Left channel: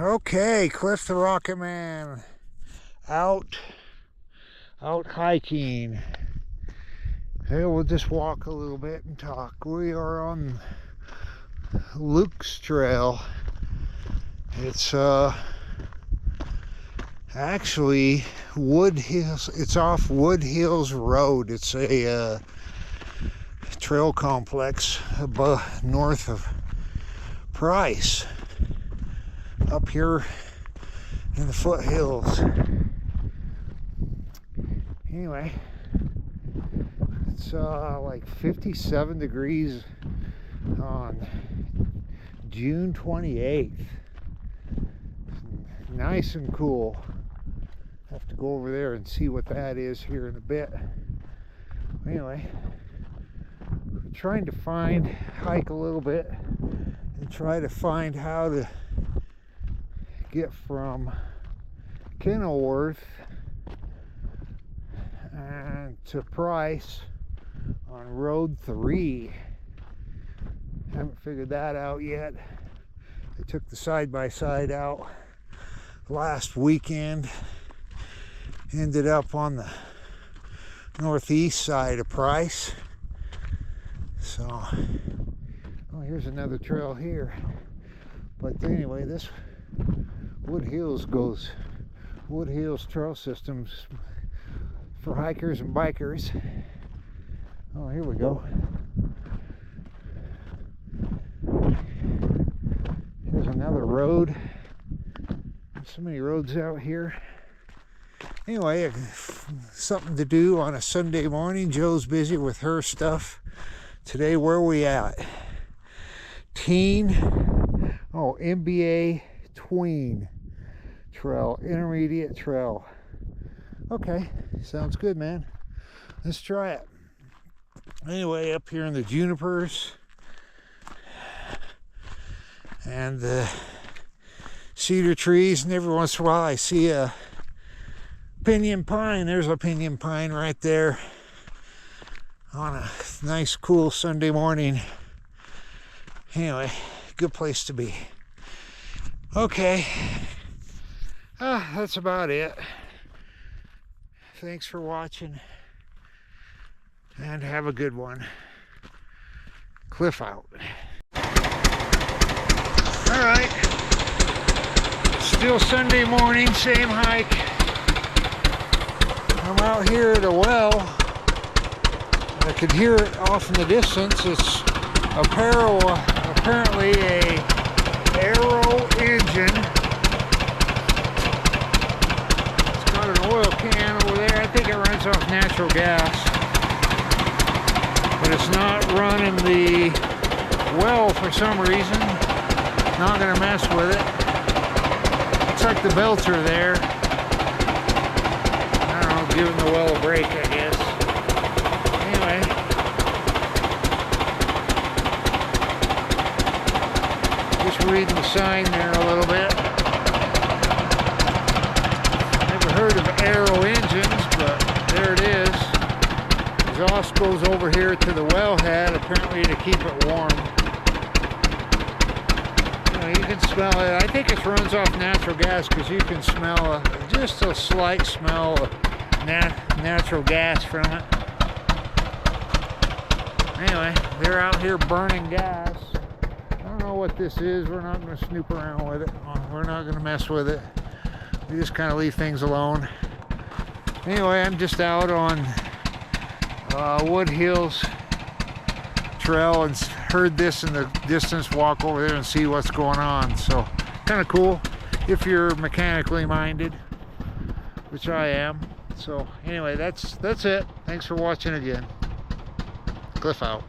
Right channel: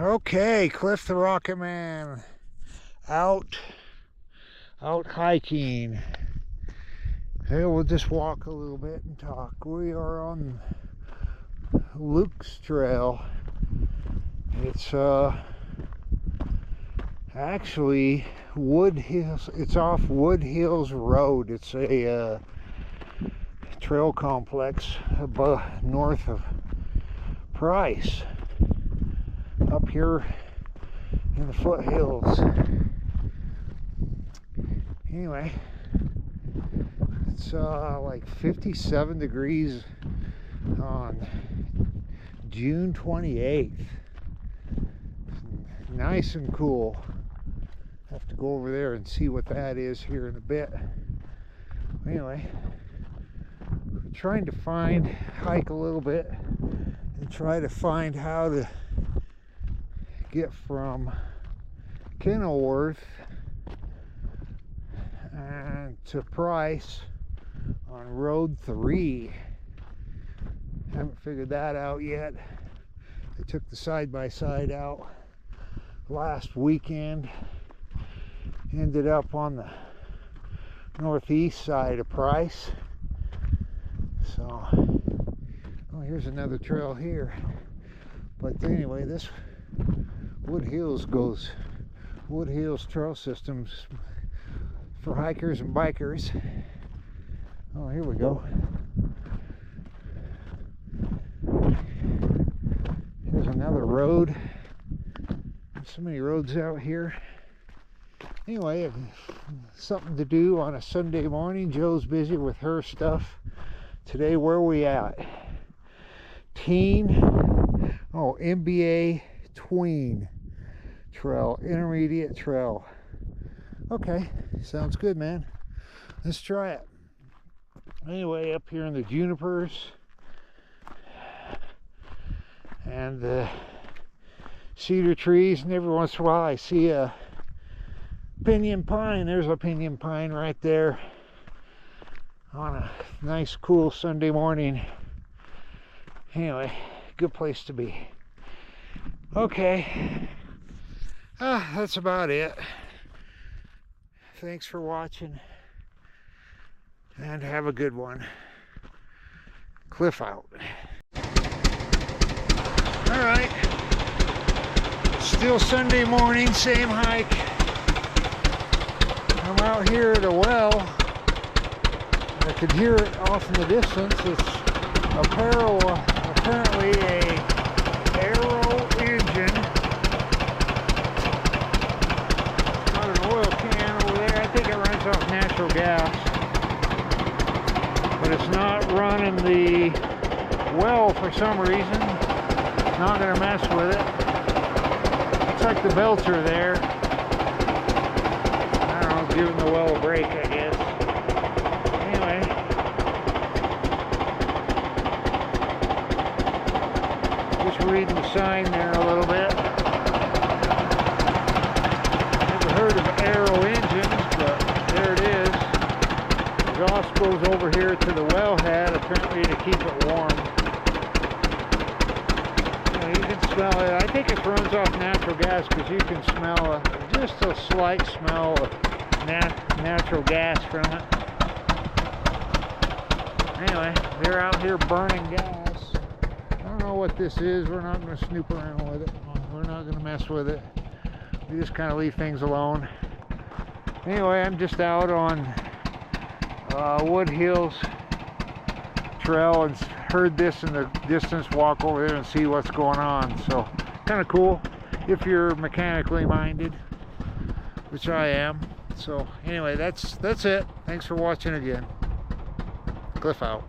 Okay, Cliff the Rocket Man out hiking. Hey, we'll just walk a little bit and talk. We are on Luke's Trail. It's actually Wood Hills. It's off Wood Hills Road. It's a trail complex above north of Price, up here in the foothills. Anyway, it's like 57 degrees on June 28th. Nice and cool. Have to go over there and see what that is here in a bit. Anyway, we're trying to hike a little bit and try to find how to get from Kenilworth and to Price on Road 3. Haven't figured that out yet. I took the side-by-side out last weekend. Ended up on the northeast side of Price. So, oh, here's another trail here. But anyway, this Wood Hills Trail Systems for hikers and bikers. Oh, here we go. Here's another road. There's so many roads out here. Anyway, something to do on a Sunday morning. Joe's busy with her stuff. Today, where are we at? MBA Tween Trail, Intermediate Trail. Okay, sounds good, man. Let's try it. Anyway, up here in the junipers and the cedar trees, and every once in a while I see a pinyon pine. There's a pinyon pine right there on a nice cool Sunday morning. Anyway, good place to be. Okay, that's about it. Thanks for watching and have a good one. Cliff out. All right, still Sunday morning, same hike. I'm out here at a well. I could hear it off in the distance. It's apparently a Arrow engine. It's got an oil can over there. I think it runs off natural gas, but it's not running the well for some reason. Not gonna mess with it. Looks like the belts are there. Giving the well a break, I guess. Anyway, just reading the sign there a little bit. Never heard of Arrow engines, but there it is. Exhaust goes over here to the wellhead, apparently to keep it warm. You can smell it. I think it runs off natural gas because you can smell just a slight smell of natural gas from it. Anyway, they're out here burning gas. I don't know what this is. We're not going to snoop around with it. We're not going to mess with it. We just kind of leave things alone. Anyway, I'm just out on Wood Hills Trail and heard this in the distance. Walk over there and see what's going on. So, kind of cool if you're mechanically minded, which I am. So anyway, that's it. Thanks for watching again. Cliff out.